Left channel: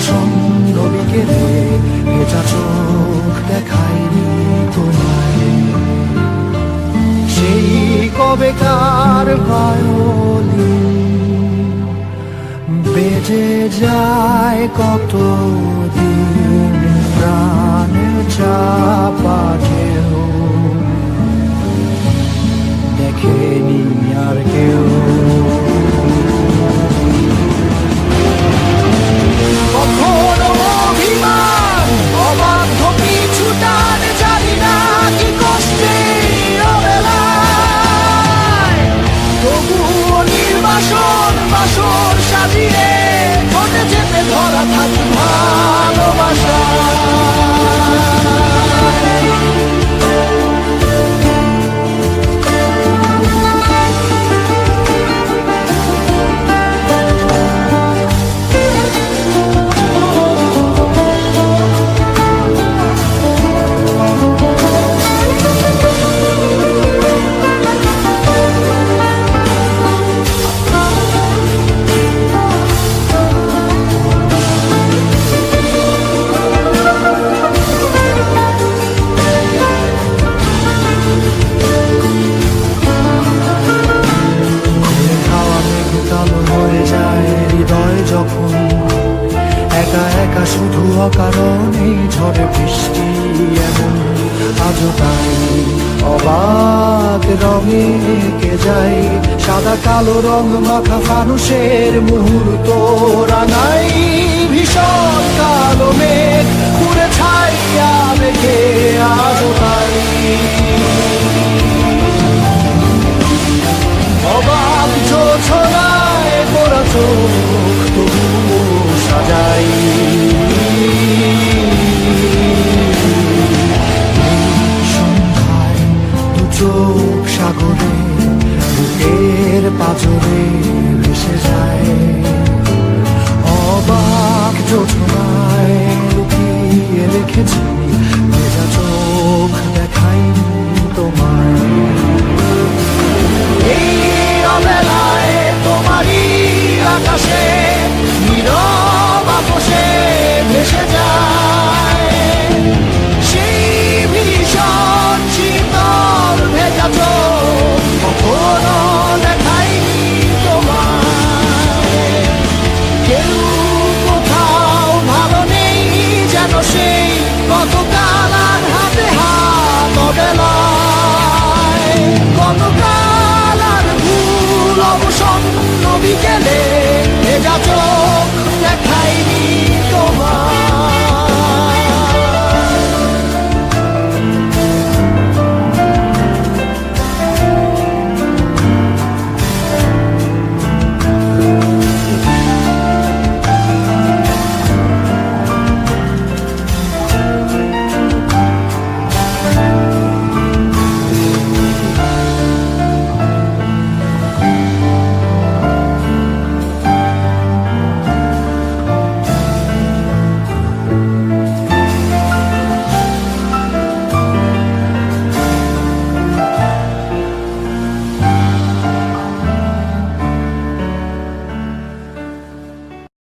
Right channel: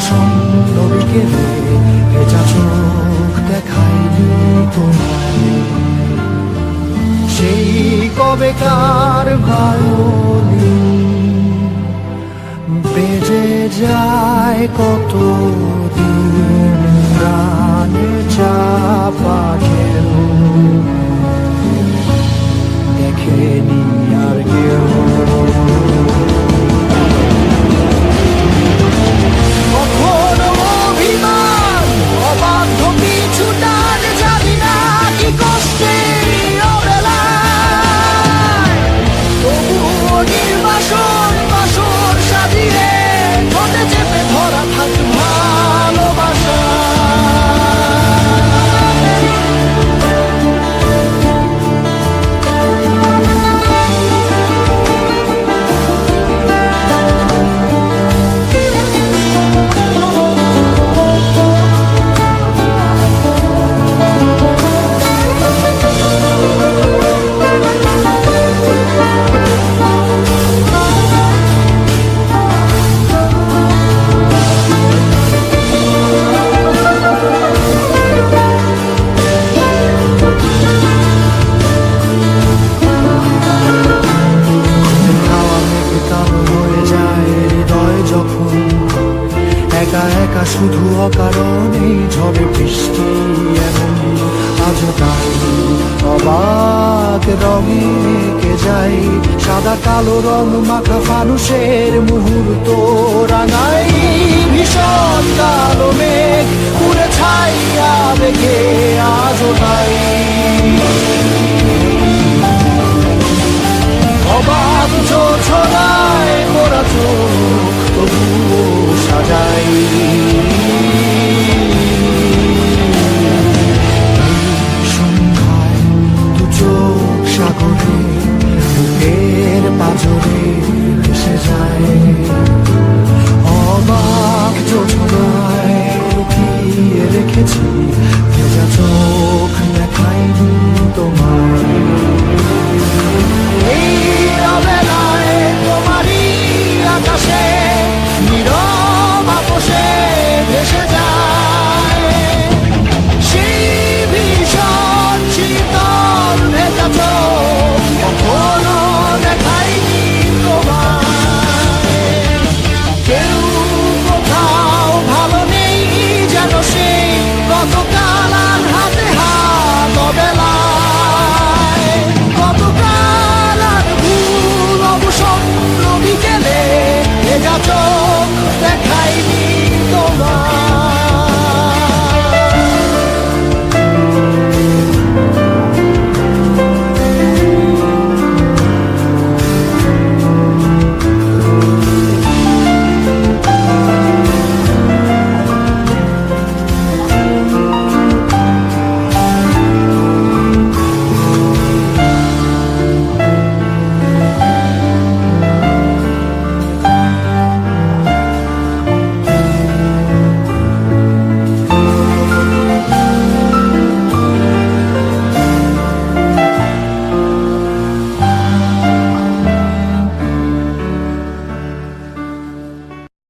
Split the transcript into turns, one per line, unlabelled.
অবসন্ন বিকেলে ভেজা চোখ দেখায়নি তোমায়। সেই কবেকার ভায়োলিন বেজে যায় কত দিন প্রাণ চাপা ঢেউ দেখেনি আর কেউ একা শুধু অকারণে ঝড়ে বৃষ্টি এমন, আজও তাই। অবাক রঙে কে যায়, সাদা কালো রং মাখা ফানুষের মুহূর্ত রাঙাই। ভীষণ কালো মেঘ পুরে ছাই আবেগে আজও তাই। অবাক যোছনায় পোড়া চোখ পাজরে ভেসে যায়। অবাক যোছনায় লুকিয়ে রেখেছি ভেজা চোখ দেখাইনি তোমায়। এই অবেলায় তোমারই আকাশে, নীরব আপোষে ভেসে যায়। সেই ভীষণ শীতল ভেজা চোখ কখনো গতকাল আর হাতে হাত অবেলায়। গতকাল আর ভুল অবসন্ন বিকেলে ভেজা চোখ